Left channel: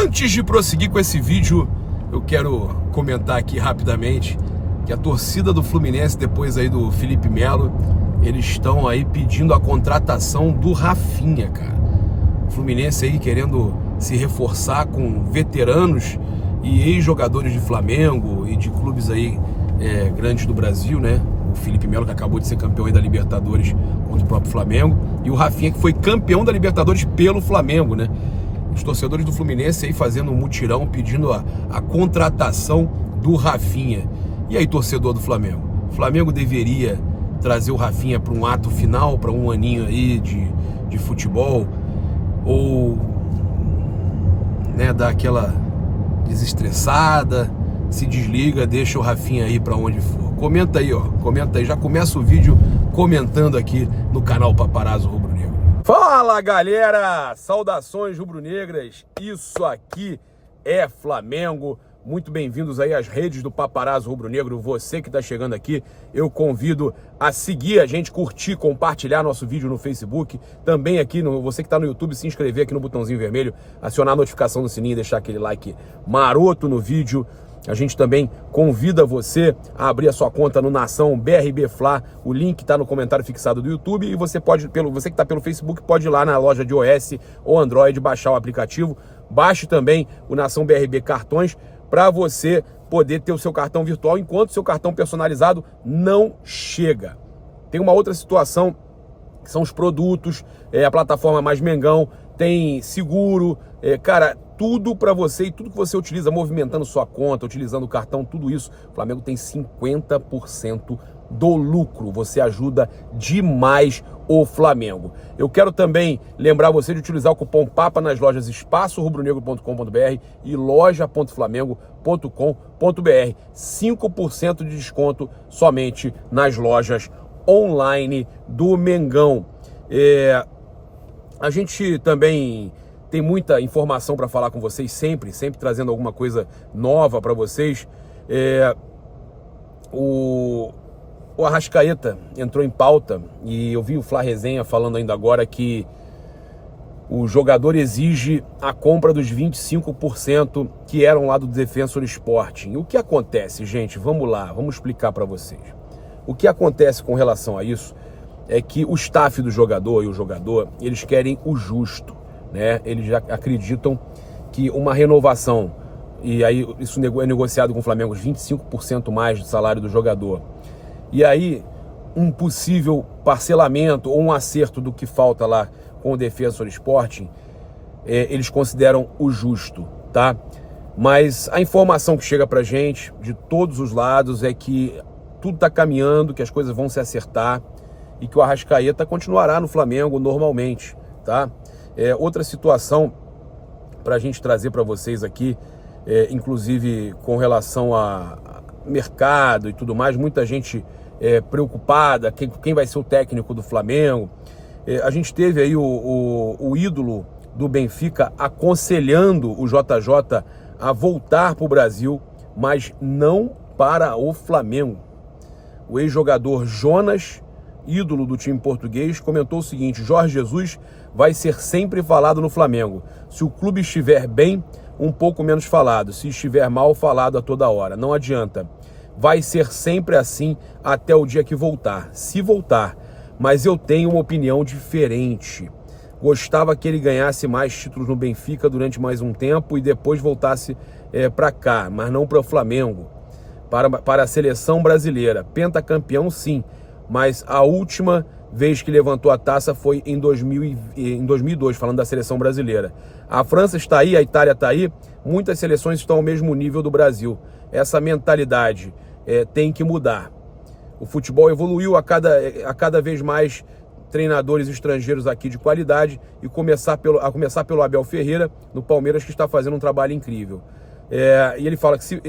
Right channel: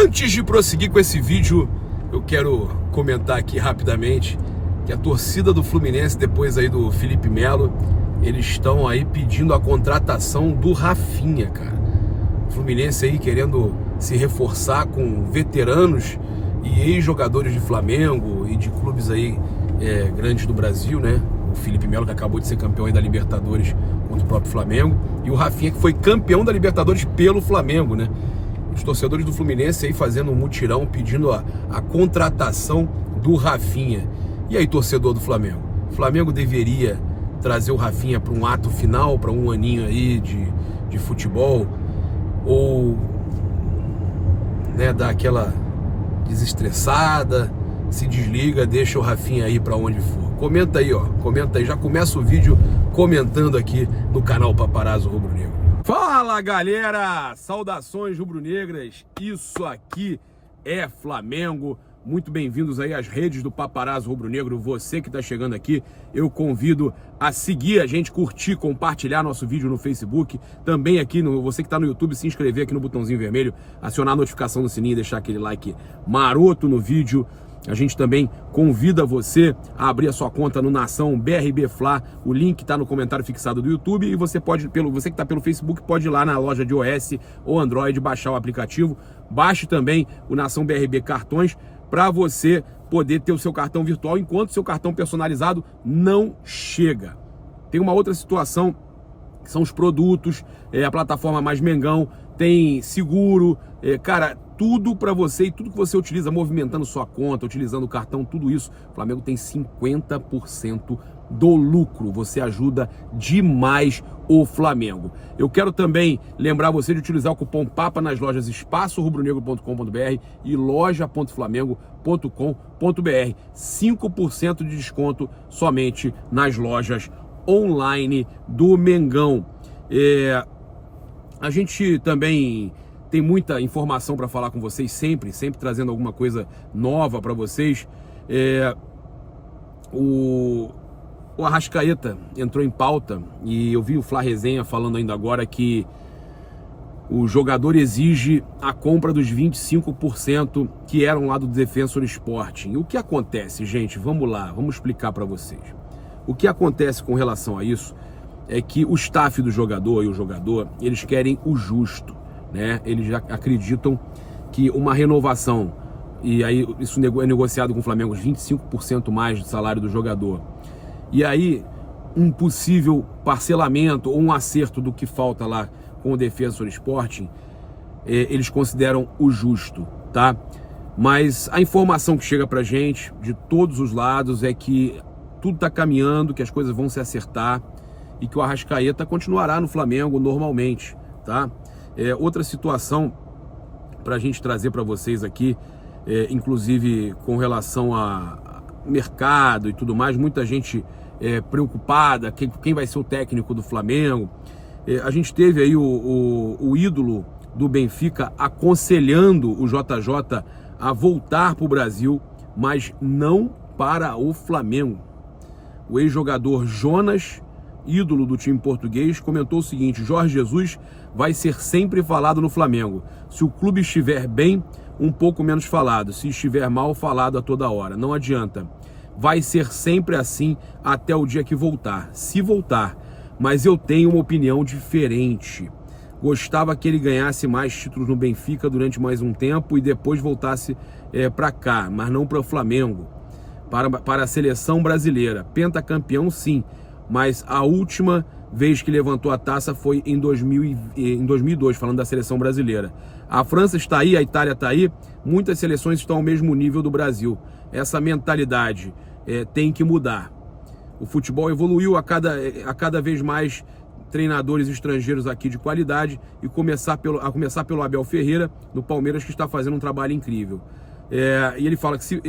Antes de prosseguir com esse vídeo, eu quero comentar aqui rapidamente que a torcida do Fluminense, depois aí do Felipe Melo, eles estão aí pedindo a contratação do Rafinha, cara. O Fluminense aí querendo se reforçar com veteranos e ex-jogadores de Flamengo e de clubes aí grandes do Brasil, né? O Felipe Melo, que acabou de ser campeão aí da Libertadores contra o próprio Flamengo, e o Rafinha, que foi campeão da Libertadores pelo Flamengo, né? Os torcedores do Fluminense aí fazendo um mutirão, pedindo a contratação do Rafinha. E aí, torcedor do Flamengo? O Flamengo deveria trazer o Rafinha para um ato final, para um aninho aí de futebol, ou né, dar aquela desestressada, se desliga, deixa o Rafinha aí para onde for. Comenta aí, ó, comenta aí, já começa o vídeo comentando aqui no canal Paparazzo Rubro Negro. Fala, galera, saudações rubro-negras, isso aqui é Flamengo. Muito bem-vindos aí às redes do Paparazzo Rubro Negro. Você que está chegando aqui, eu convido a seguir a gente, curtir, compartilhar nosso vídeo no Facebook. Também aqui, você que está no YouTube, se inscrever aqui no botãozinho vermelho, acionar a notificação no sininho e deixar aquele like maroto no vídeo. A gente também convida você a abrir a sua conta no Nação BRB Fla. O link está no comentário fixado do YouTube. E você pode, você que está pelo Facebook, pode ir lá na loja de iOS ou Android, baixar o aplicativo. Baixe também o Nação BRB Cartões, para você poder ter o seu cartão virtual enquanto o seu cartão personalizado não chega. Tem uma outra situação, que são os produtos, a plataforma Mais Mengão, tem seguro, cara, tudo para você e tudo que você utiliza, movimentando sua conta, utilizando o cartão, tudo isso, o Flamengo tem 50% do lucro. Você ajuda demais o Flamengo. Eu quero também lembrar você de utilizar o cupom PAPA nas lojas espaçorubronegro.com.br e loja.flamengo.com.br. 5% de desconto somente nas lojas online do Mengão. A gente também tem muita informação para falar com vocês sempre trazendo alguma coisa nova para vocês. O Arrascaeta entrou em pauta e eu vi o Fla Resenha falando ainda agora que o jogador exige a compra dos 25% que eram lá do Defensor Sporting. E o que acontece, gente? Vamos lá, vamos explicar para vocês. O que acontece com relação a isso é que o staff do jogador e o jogador, eles querem o justo, né? Eles já acreditam que uma renovação, e aí isso é negociado com o Flamengo, 25% mais do salário do jogador, e aí um possível parcelamento ou um acerto do que falta lá com o Defensor Sporting, eles consideram o justo, tá? Mas a informação que chega pra gente de todos os lados é que tudo tá caminhando, que as coisas vão se acertar e que o Arrascaeta continuará no Flamengo normalmente, tá? Outra situação pra gente trazer para vocês aqui, inclusive com relação a mercado e tudo mais, muita gente preocupada, quem vai ser o técnico do Flamengo. A gente teve aí o ídolo do Benfica aconselhando o JJ a voltar para o Brasil, mas não para o Flamengo. O ex-jogador Jonas, ídolo do time português, comentou o seguinte: Jorge Jesus vai ser sempre falado no Flamengo. Se o clube estiver bem, um pouco menos falado. Se estiver mal, falado a toda hora. Não adianta. Vai ser sempre assim até o dia que voltar. Se voltar. Mas eu tenho uma opinião diferente. Gostava que ele ganhasse mais títulos no Benfica durante mais um tempo e depois voltasse para cá, mas não para o Flamengo. Para a seleção brasileira. Pentacampeão, sim. Mas a última vez que levantou a taça foi em 2002, falando da seleção brasileira. A França está aí, a Itália está aí, muitas seleções estão ao mesmo nível do Brasil. Essa mentalidade tem que mudar. O futebol evoluiu a cada vez mais treinadores estrangeiros aqui de qualidade, e a começar pelo Abel Ferreira, no Palmeiras, que está fazendo um trabalho incrível. E ele fala que se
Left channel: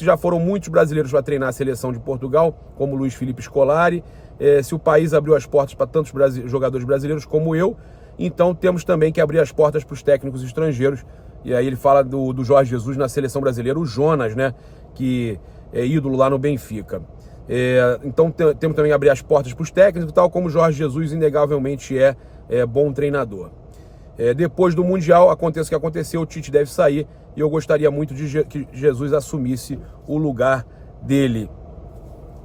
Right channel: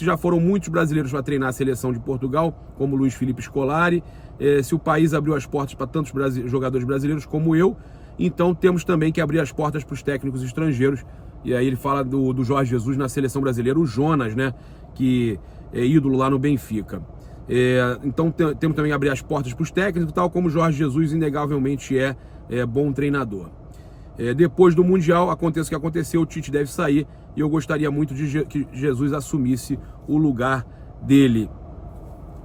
já foram muitos brasileiros para treinar a seleção de Portugal, como Luiz Felipe Scolari, se o país abriu as portas para tantos jogadores brasileiros como eu, então temos também que abrir as portas para os técnicos estrangeiros. E aí ele fala do Jorge Jesus na seleção brasileira, o Jonas, né, que é ídolo lá no Benfica. Então temos também que abrir as portas para os técnicos, tal como o Jorge Jesus inegavelmente é bom treinador. Depois do Mundial, aconteça o que aconteceu, o Tite deve sair e eu gostaria muito de que Jesus assumisse o lugar dele.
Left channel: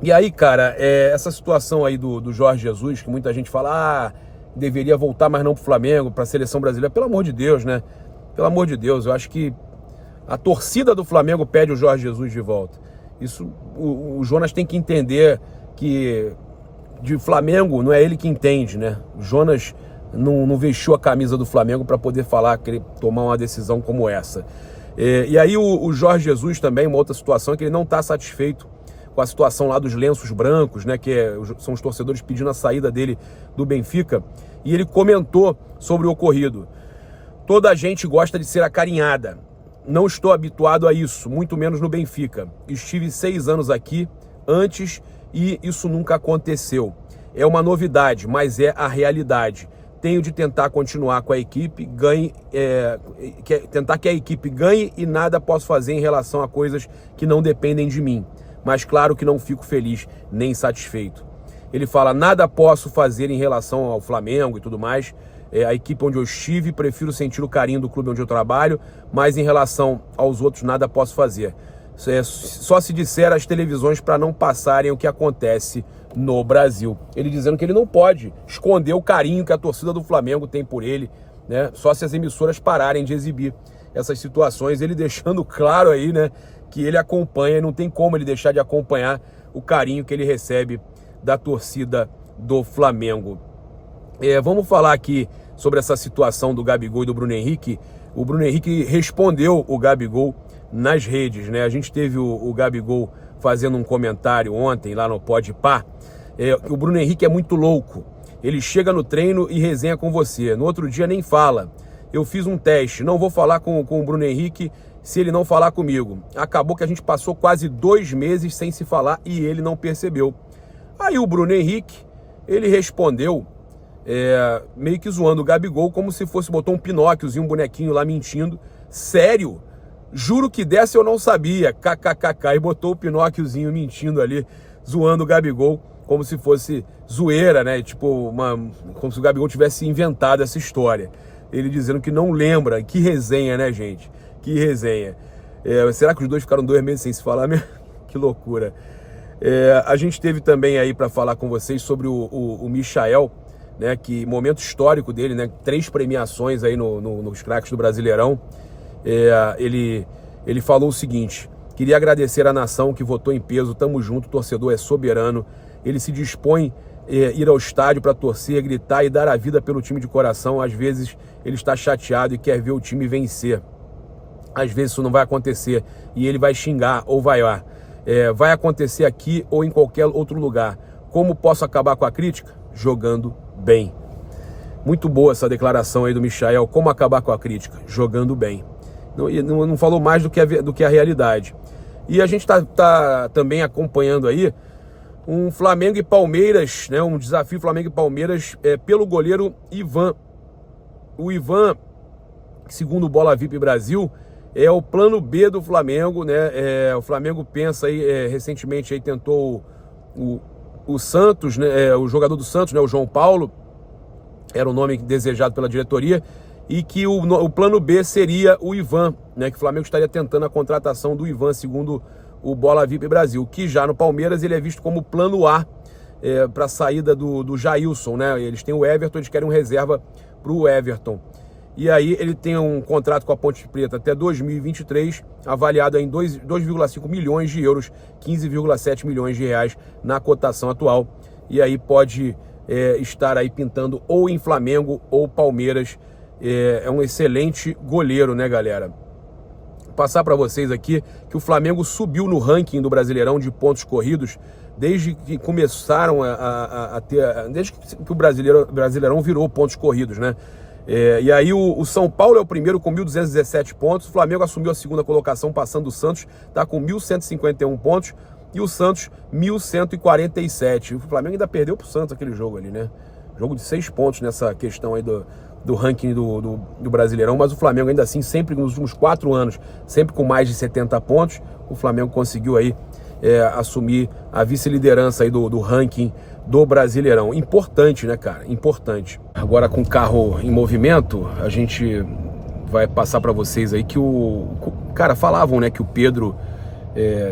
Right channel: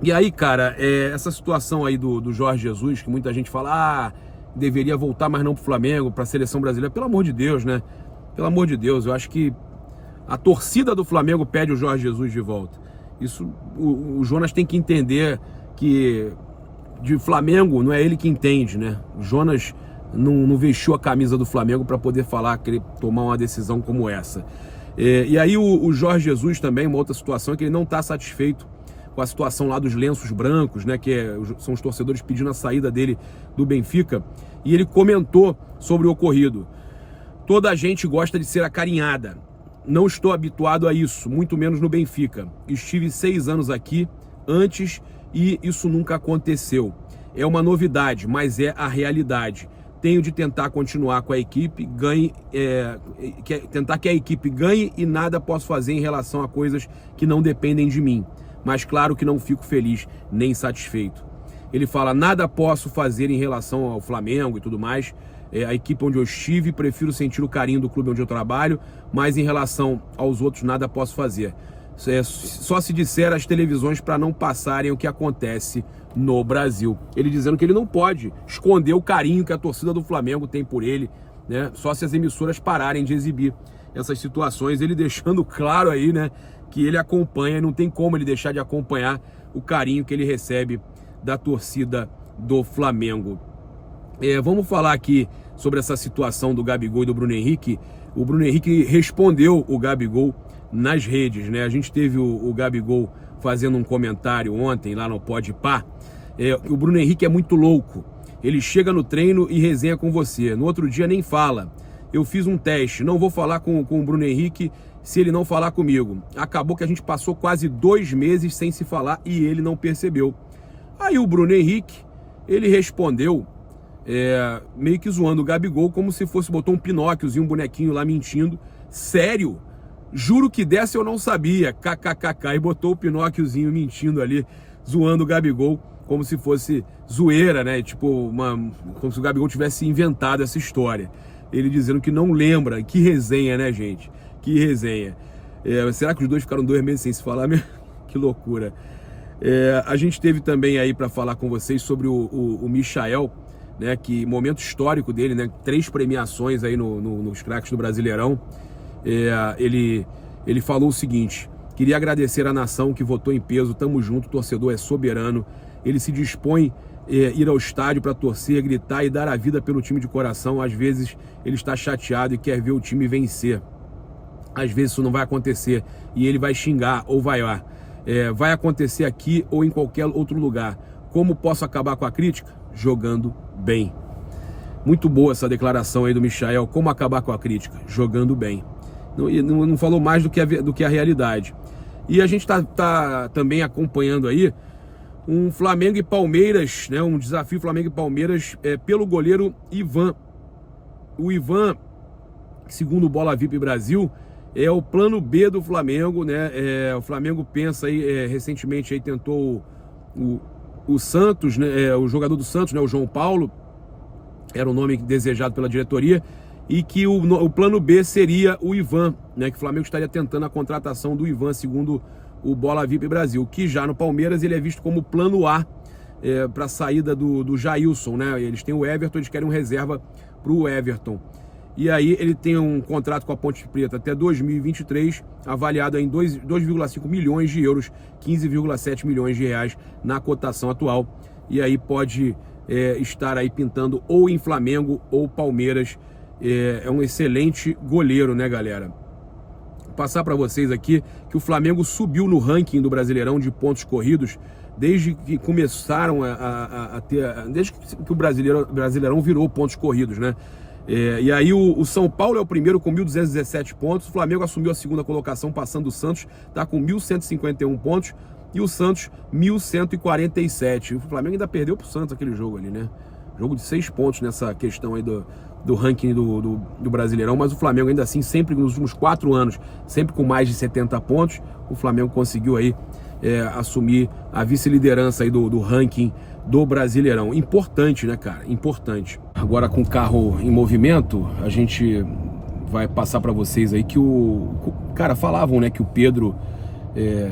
E aí, cara, essa situação aí do Jorge Jesus, que muita gente fala, deveria voltar, mas não pro Flamengo, pra seleção brasileira, pelo amor de Deus, né? Pelo amor de Deus, eu acho que a torcida do Flamengo pede o Jorge Jesus de volta. Isso, o Jonas tem que entender que de Flamengo não é ele que entende, né? O Jonas não vestiu a camisa do Flamengo para poder querer tomar uma decisão como essa. E aí o Jorge Jesus também, uma outra situação é que ele não está satisfeito com a situação lá dos lenços brancos, né? São os torcedores pedindo a saída dele do Benfica. E ele comentou sobre o ocorrido. Toda a gente gosta de ser acarinhada. Não estou habituado a isso, muito menos no Benfica. Estive 6 anos aqui antes e isso nunca aconteceu. É uma novidade, mas é a realidade. Tenho de tentar continuar com a equipe, tentar que a equipe ganhe e nada posso fazer em relação a coisas que não dependem de mim. Mas claro que não fico feliz nem satisfeito. Ele fala, nada posso fazer em relação ao Flamengo e tudo mais. A equipe onde eu estive, prefiro sentir o carinho do clube onde eu trabalho, mas em relação aos outros nada posso fazer. Só se disser às televisões para não passarem o que acontece no Brasil. Ele dizendo que ele não pode esconder o carinho que a torcida do Flamengo tem por ele, né? Só se as emissoras pararem de exibir essas situações, ele deixando claro aí, né, que ele acompanha, não tem como ele deixar de acompanhar o carinho que ele recebe da torcida do Flamengo. Vamos falar aqui sobre essa situação do Gabigol e do Bruno Henrique. O Bruno Henrique respondeu o Gabigol nas redes, né? A gente teve o Gabigol fazendo um comentário ontem lá no Podpah. O Bruno Henrique é muito louco. Ele chega no treino e resenha com você. No outro dia nem fala. Eu fiz um teste, não vou falar com o Bruno Henrique se ele não falar comigo. Acabou que a gente passou quase 2 meses sem se falar e ele não percebeu. Aí o Bruno Henrique, ele respondeu meio que zoando o Gabigol, como se botou um Pinóquiozinho, um bonequinho lá mentindo. Sério? Juro que dessa eu não sabia, kkkk, e botou o Pinóquiozinho mentindo ali, zoando o Gabigol, como se fosse zoeira, né? Tipo, como se o Gabigol tivesse inventado essa história. Ele dizendo que não lembra. Que resenha, né, gente? Que resenha. Será que os dois ficaram 2 meses sem se falar mesmo? Que loucura. A gente teve também aí para falar com vocês sobre o Michael, né? Que momento histórico dele, né? 3 premiações aí nos craques do Brasileirão. Ele falou o seguinte: queria agradecer à nação que votou em peso, tamo junto, o torcedor é soberano, ele se dispõe a ir ao estádio para torcer, gritar e dar a vida pelo time de coração. Às vezes ele está chateado e quer ver o time vencer, às vezes isso não vai acontecer e ele vai xingar ou vaiar. Vai acontecer aqui ou em qualquer outro lugar. Como posso acabar com a crítica? Jogando bem. Muito boa essa declaração aí do Michael. Como acabar com a crítica? Jogando bem. Não falou mais do que a realidade. E a gente tá também acompanhando aí um Flamengo e Palmeiras, né? Um desafio Flamengo e Palmeiras pelo goleiro Ivan. O Ivan, segundo o Bola VIP Brasil, é o plano B do Flamengo, né? O Flamengo pensa aí, recentemente aí tentou o Santos, né? O jogador do Santos, né? O João Paulo, era o nome desejado pela diretoria, e que o plano B seria o Ivan, né? Que o Flamengo estaria tentando a contratação do Ivan, segundo o Bola VIP Brasil, que já no Palmeiras ele é visto como plano A para a saída do Jailson, né? Eles têm o Everton, eles querem um reserva para o Everton. E aí ele tem um contrato com a Ponte Preta até 2023, avaliado em 2,5 milhões de euros, 15,7 milhões de reais na cotação atual. E aí pode estar aí pintando ou em Flamengo ou Palmeiras. É um excelente goleiro, né, galera? Vou passar para vocês aqui que o Flamengo subiu no ranking do Brasileirão de pontos corridos desde que começaram a ter, desde que o Brasileirão virou pontos corridos, né? E aí o São Paulo é o primeiro com 1.217 pontos, o Flamengo assumiu a segunda colocação passando o Santos, tá com 1.151 pontos, e o Santos 1.147. O Flamengo ainda perdeu pro Santos aquele jogo ali, né? Jogo de 6 pontos nessa questão aí do ranking do Brasileirão, mas o Flamengo ainda assim, sempre nos últimos 4 anos, sempre com mais de 70 pontos, o Flamengo conseguiu aí assumir a vice-liderança aí do ranking do Brasileirão. Importante, né, cara? Importante. Agora, com o carro em movimento, a gente vai passar para vocês aí que cara, falavam, né, que o Pedro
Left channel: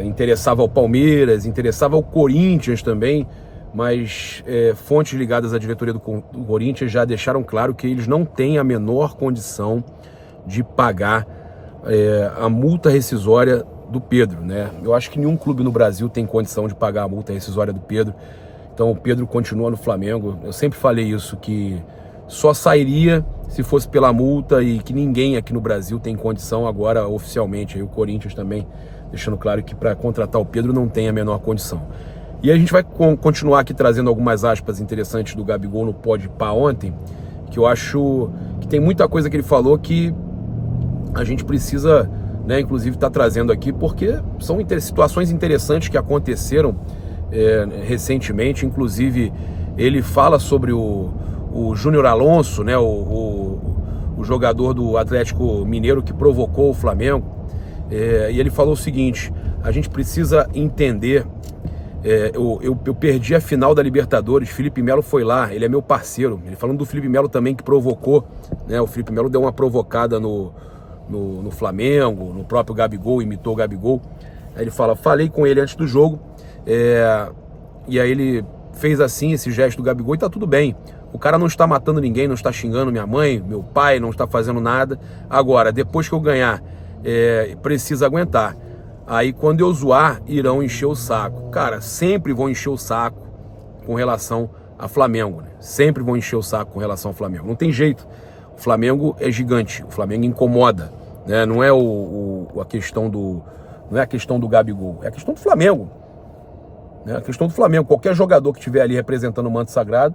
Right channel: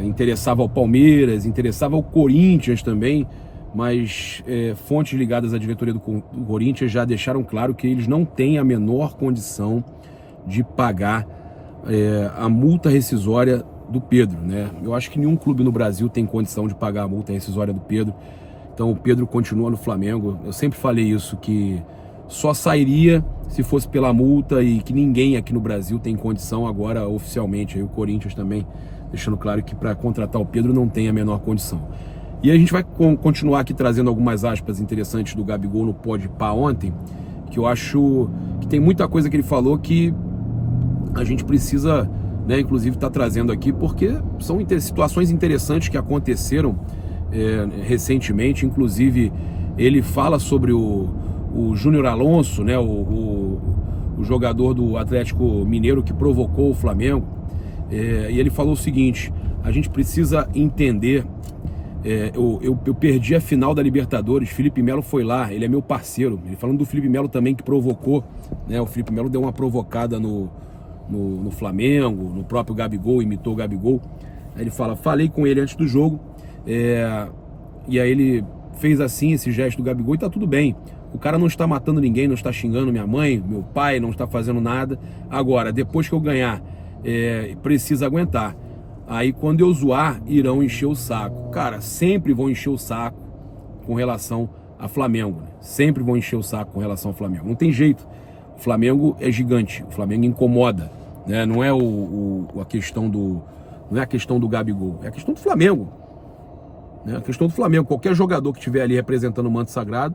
interessava ao Palmeiras, interessava ao Corinthians também, mas fontes ligadas à diretoria do Corinthians já deixaram claro que eles não têm a menor condição de pagar a multa rescisória do Pedro, né? Eu acho que nenhum clube no Brasil tem condição de pagar a multa rescisória do Pedro. Então o Pedro continua no Flamengo. Eu sempre falei isso, que só sairia se fosse pela multa e que ninguém aqui no Brasil tem condição agora oficialmente. Aí o Corinthians também deixando claro que para contratar o Pedro não tem a menor condição. E a gente vai continuar aqui trazendo algumas aspas interessantes do Gabigol no Podpah ontem, que eu acho que tem muita coisa que ele falou que a gente precisa, né, inclusive tá trazendo aqui, porque são situações interessantes que aconteceram recentemente. Inclusive ele fala sobre o Júnior Alonso, né, o jogador do Atlético Mineiro que provocou o Flamengo, e ele falou o seguinte: a gente precisa entender, eu perdi a final da Libertadores, Felipe Melo foi lá, ele é meu parceiro. Ele falando do Felipe Melo também, que provocou, né, o Felipe Melo deu uma provocada no Flamengo, no próprio Gabigol, imitou o Gabigol. Aí ele fala: falei com ele antes do jogo, e aí ele fez assim, esse gesto do Gabigol, e tá tudo bem. O cara não está matando ninguém, não está xingando minha mãe, meu pai, não está fazendo nada. Agora, depois que eu ganhar, precisa aguentar. Aí quando eu zoar, irão encher o saco. Cara, sempre vão encher o saco com relação a Flamengo, né? Sempre vão encher o saco com relação ao Flamengo. Não tem jeito. O Flamengo é gigante, o Flamengo incomoda, né? Não é a questão não é a questão do Gabigol, é a questão do Flamengo, né? A questão do Flamengo. Qualquer jogador que estiver ali representando o manto sagrado,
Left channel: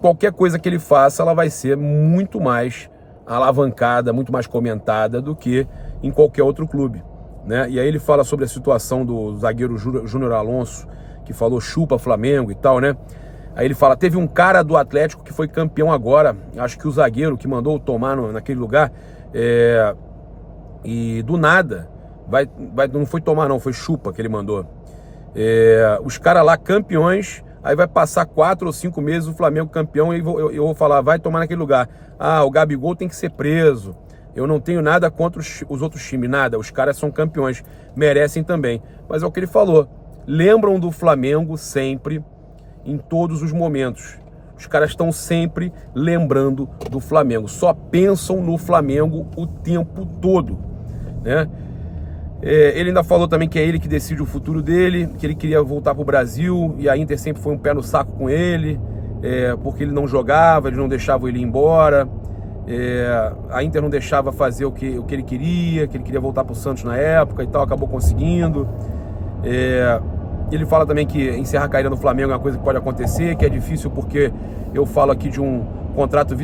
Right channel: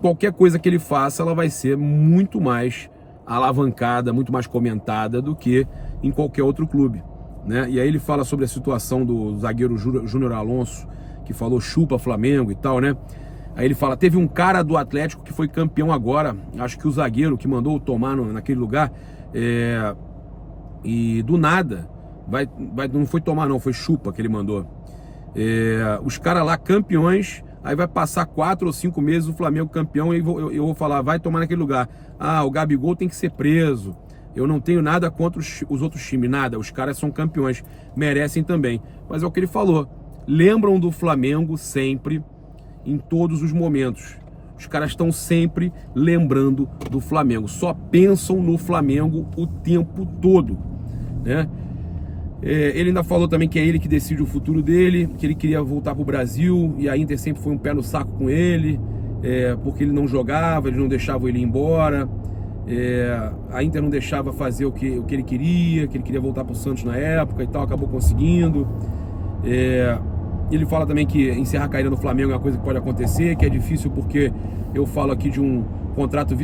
qualquer coisa que ele faça, ela vai ser muito mais alavancada, muito mais comentada do que em qualquer outro clube, né? E aí ele fala sobre a situação do zagueiro Júnior Alonso, que falou chupa Flamengo e tal, né? Aí ele fala: teve um cara do Atlético que foi campeão agora, acho que o zagueiro que mandou tomar naquele lugar, e do nada, não foi tomar não, foi chupa que ele mandou. Os caras lá campeões, aí vai passar 4 ou 5 meses o Flamengo campeão e eu vou falar: vai tomar naquele lugar. Ah, o Gabigol tem que ser preso. Eu não tenho nada contra os outros times, nada. Os caras são campeões, merecem também. Mas é o que ele falou. Lembram do Flamengo sempre, em todos os momentos. Os caras estão sempre lembrando do Flamengo. Só pensam no Flamengo o tempo todo, né? Ele ainda falou também que é ele que decide o futuro dele, que ele queria voltar para o Brasil, e a Inter sempre foi um pé no saco com ele, porque ele não jogava, eles não deixavam ele ir embora. A Inter não deixava fazer o que ele queria, que ele queria voltar para o Santos na época e tal, acabou conseguindo. Ele fala também que encerrar a carreira no Flamengo é uma coisa que pode acontecer, que é difícil porque eu falo aqui de um contrato,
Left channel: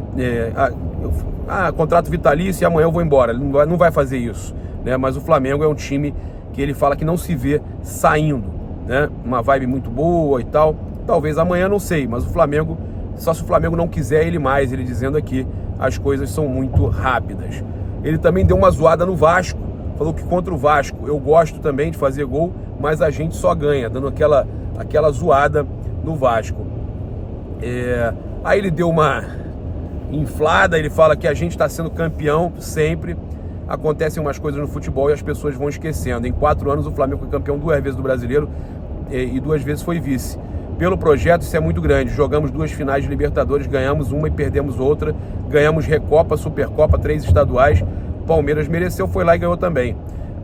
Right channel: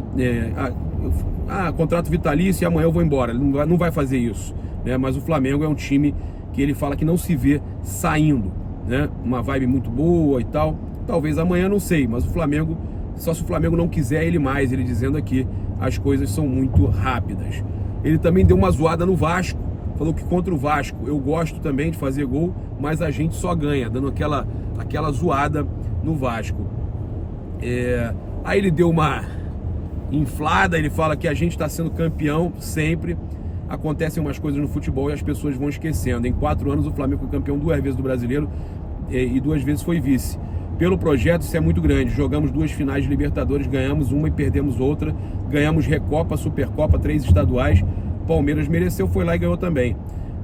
contrato vitalício e amanhã eu vou embora. Ele não vai fazer isso, né? Mas o Flamengo é um time que ele fala que não se vê saindo, né? Uma vibe muito boa e tal. Talvez amanhã, não sei, mas o Flamengo, só se o Flamengo não quiser ele mais, ele dizendo aqui, as coisas são muito rápidas. Ele também deu uma zoada no Vasco, falou que contra o Vasco eu gosto também de fazer gol, mas a gente só ganha, dando aquela zoada no Vasco. Aí ele deu uma inflada, ele fala que a gente está sendo campeão sempre. Acontecem umas coisas no futebol e as pessoas vão esquecendo. Em 4 anos o Flamengo foi campeão 2 vezes do Brasileiro e 2 vezes foi vice. Pelo projeto isso é muito grande. Jogamos 2 finais de Libertadores, ganhamos uma e perdemos outra. Ganhamos Recopa, Supercopa, 3 estaduais. Palmeiras mereceu, foi lá e ganhou também.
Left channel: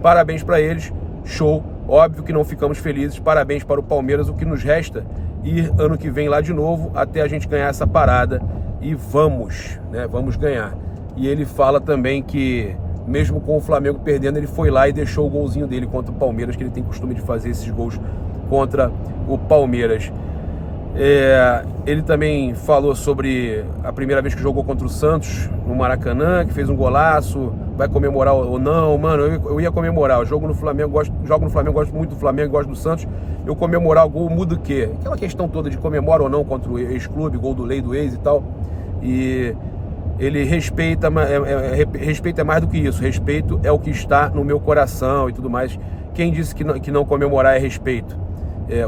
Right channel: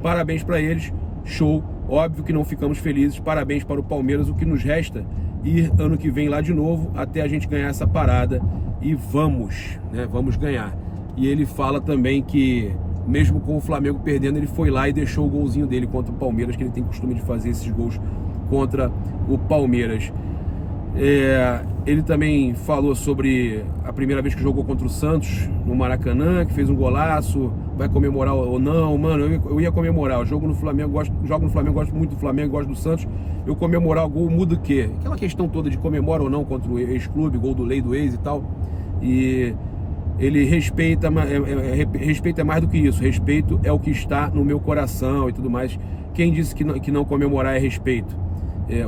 Parabéns para eles, show. Óbvio que não ficamos felizes, parabéns para o Palmeiras. O que nos resta ir ano que vem lá de novo até a gente ganhar essa parada e vamos, né? Vamos ganhar. E ele fala também que mesmo com o Flamengo perdendo, ele foi lá e deixou o golzinho dele contra o Palmeiras, que ele tem costume de fazer esses gols contra o Palmeiras. Ele também falou sobre a primeira vez que jogou contra o Santos no Maracanã, que fez um golaço, vai comemorar ou não. Mano, eu ia comemorar. Eu jogo no Flamengo, gosto muito do Flamengo, gosto do Santos. Eu comemorar o gol muda o quê? Aquela questão toda de comemora ou não contra o ex-clube, gol do Lei do ex e tal. E ele respeita, respeito é mais do que isso. Respeito é o que está no meu coração e tudo mais, quem disse que não comemorar é respeito?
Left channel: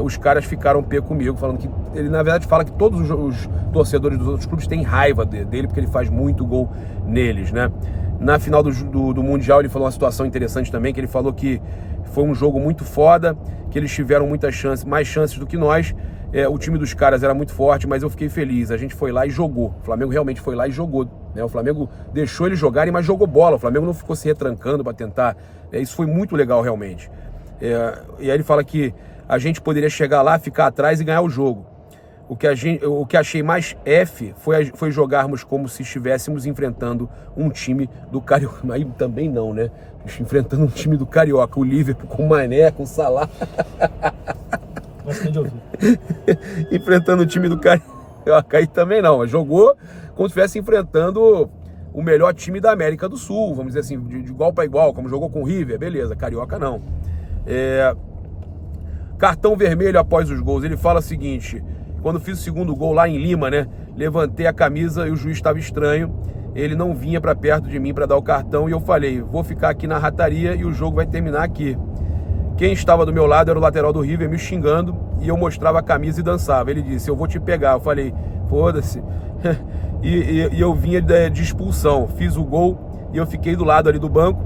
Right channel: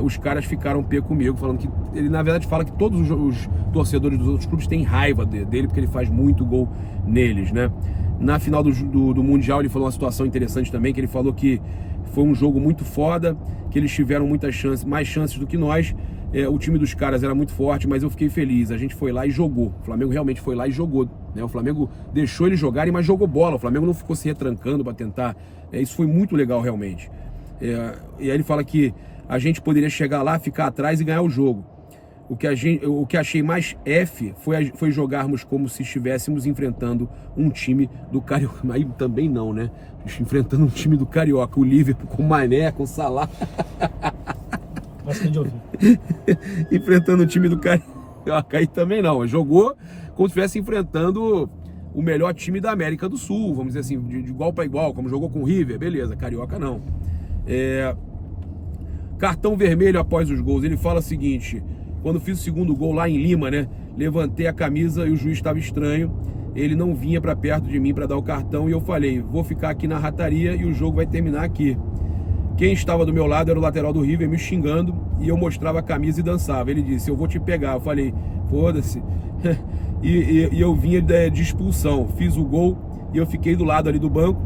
Os caras ficaram pé comigo, falando que ele na verdade fala que todos os torcedores dos outros clubes têm raiva dele porque ele faz muito gol neles, né? Na final do Mundial ele falou uma situação interessante também, que ele falou que foi um jogo muito foda, que eles tiveram muitas chances, mais chances do que nós. O time dos caras era muito forte, mas eu fiquei feliz. A gente foi lá e jogou. O Flamengo realmente foi lá e jogou, né? O Flamengo deixou eles jogarem, mas jogou bola. O Flamengo não ficou se retrancando para tentar. Isso foi muito legal realmente. E aí ele fala que a gente poderia chegar lá, ficar atrás e ganhar o jogo. O que achei mais F foi jogarmos como se estivéssemos enfrentando um time do Carioca. Aí também não, né? Enfrentando um time do Carioca, o Liverpool com o Mané, com o Salah. Gosto de ouvir. Enfrentando o time do Carioca, aí também não. Jogou como se estivesse enfrentando o melhor time da América do Sul, vamos dizer assim, de igual para igual, como jogou com o River, beleza, Carioca não. Cartão vermelho após os gols. Ele fala o seguinte: quando fiz o segundo gol lá em Lima, né? Levantei a camisa e o juiz estava estranho. Ele não vinha para perto de mim para dar o cartão e eu falei: vou ficar aqui na rataria e o jogo vai terminar aqui. Quem estava do meu lado era o lateral do River me xingando e eu mostrava a camisa e dançava. Ele disse: eu vou te pegar. Eu falei: foda-se. e eu vinha de expulsão. Fiz o gol e eu fiquei do lado ali do banco.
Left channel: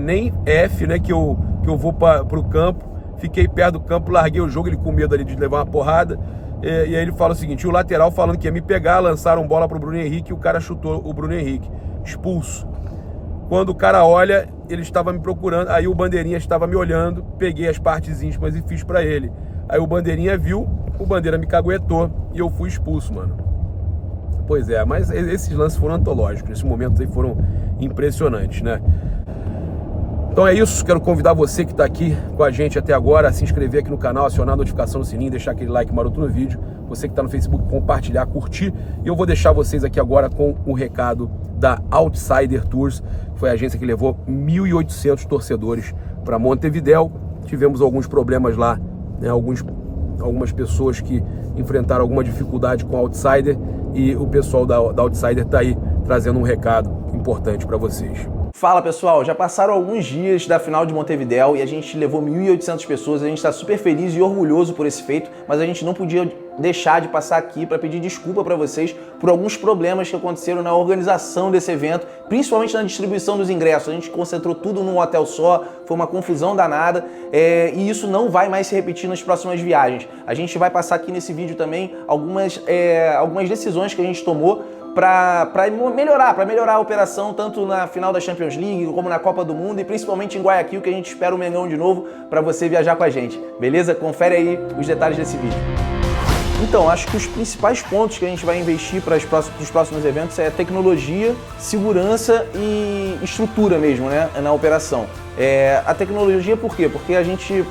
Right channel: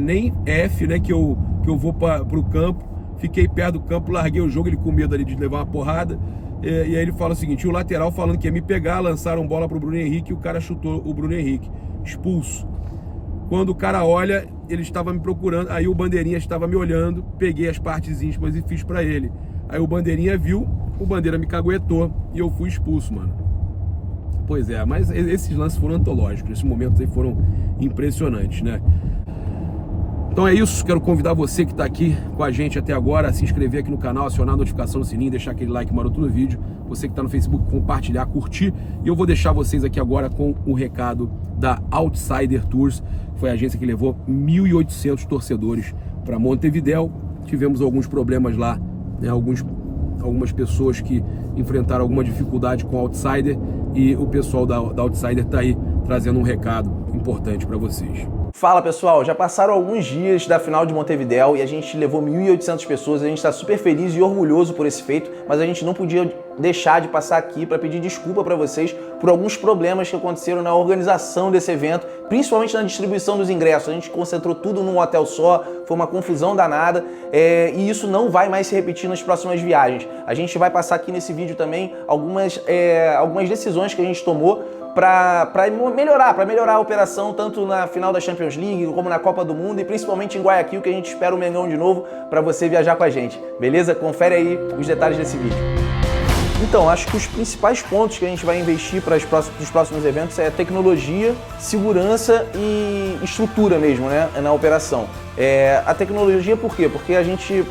Nem F, né? Que eu vou para o campo. Fiquei perto do campo, larguei o jogo, ele com medo ali de levar uma porrada. E aí ele fala o seguinte: o lateral falando que ia me pegar, lançaram bola pro Bruno Henrique e o cara chutou o Bruno Henrique. Expulso. Quando o cara olha, ele estava me procurando, aí o Bandeirinha estava me olhando, peguei as partes íntimas e fiz pra ele. Aí o Bandeirinha viu, o Bandeira me caguetou e eu fui expulso, mano. Pois é, mas esses lances foram antológicos, esses momentos aí foram impressionantes, né? Então é isso, quero convidar você que está aqui com a gente até agora a se inscrever aqui no canal, acionar a notificação no sininho, deixar aquele like maroto no vídeo. Você que está no Facebook, compartilhar, curtir. E eu vou deixar vocês aqui agora com o recado da Outsider Tours. Foi a agência que levou 1.800 torcedores para Montevidéu. Tivemos alguns problemas lá, né? Algumas pessoas que enfrentaram alguma dificuldade com a Outsider. E o pessoal da Outsider está aí trazendo um recado importante para vocês. Fala pessoal, já passaram alguns dias da final de Montevidéu e a gente levou 1.800 pessoas, a gente está super feliz e orgulhoso por esse feito, mas a gente não podia deixar de passar aqui para pedir desculpa para vocês por alguns problemas que aconteceram na organização desse evento, principalmente na distribuição dos ingressos. A gente concentrou tudo num hotel só, foi uma confusão danada e isso não vai mais se repetir nas próximas viagens. A gente vai passar aqui nesse vídeo também algumas decisões que a gente tomou para melhorar a operação tanto na final da Champions League como na Copa do Mundo e principalmente em Guayaquil, que a gente espera o Mengão de novo para você viajar com a gente, beleza? Confere aí os detalhes desse vídeo. Então, acho que os principais pontos que a gente vai investir para os próximos eventos é tecnologia, segurança e estrutura mesmo, né, na operação. A tecnologia por quê? Porque a gente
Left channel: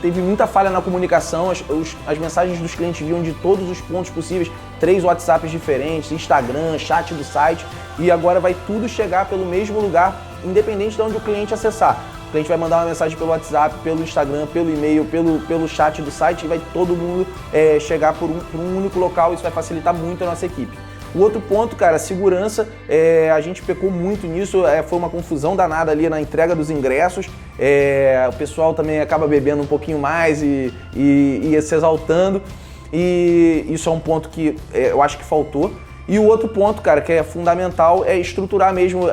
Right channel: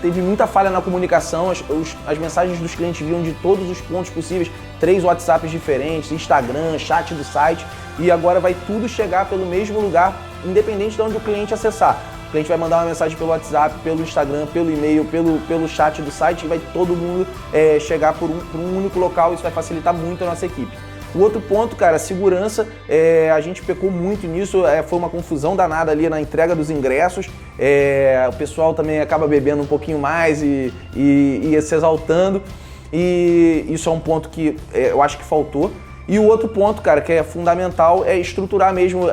teve muita falha na comunicação, as mensagens dos clientes vinham de todos os pontos possíveis, 3 WhatsApps diferentes, Instagram, chat do site, e agora vai tudo chegar pelo mesmo lugar, independente de onde o cliente acessar. O cliente vai mandar uma mensagem pelo WhatsApp, pelo Instagram, pelo e-mail, pelo chat do site e vai todo mundo chegar por um único local. Isso vai facilitar muito a nossa equipe. O outro ponto, cara, segurança, a gente pecou muito nisso, foi uma confusão danada ali na entrega dos ingressos, o pessoal também acaba bebendo um pouquinho mais e ia se exaltando, e isso é um ponto que eu acho que faltou. E o outro ponto, cara, que é fundamental é estruturar mesmo,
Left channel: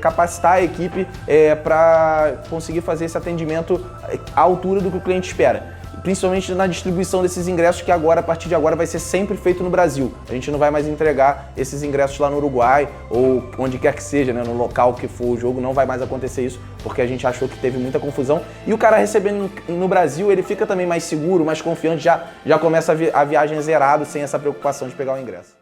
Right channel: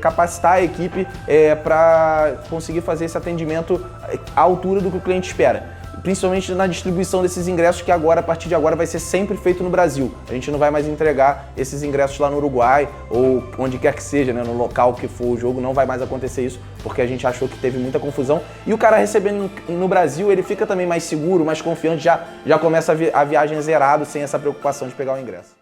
capacitar a equipe para conseguir fazer esse atendimento à altura do que o cliente espera. Principalmente na distribuição desses ingressos que agora, a partir de agora, vai ser sempre feito no Brasil. A gente não vai mais entregar esses ingressos lá no Uruguai ou onde quer que seja, né, no local que for o jogo, não vai mais acontecer isso, porque a gente achou que teve muita confusão. E o cara recebendo no Brasil, ele fica também mais seguro, mais confiante, já começa a viagem zerado, sem essa preocupação de pegar o ingresso.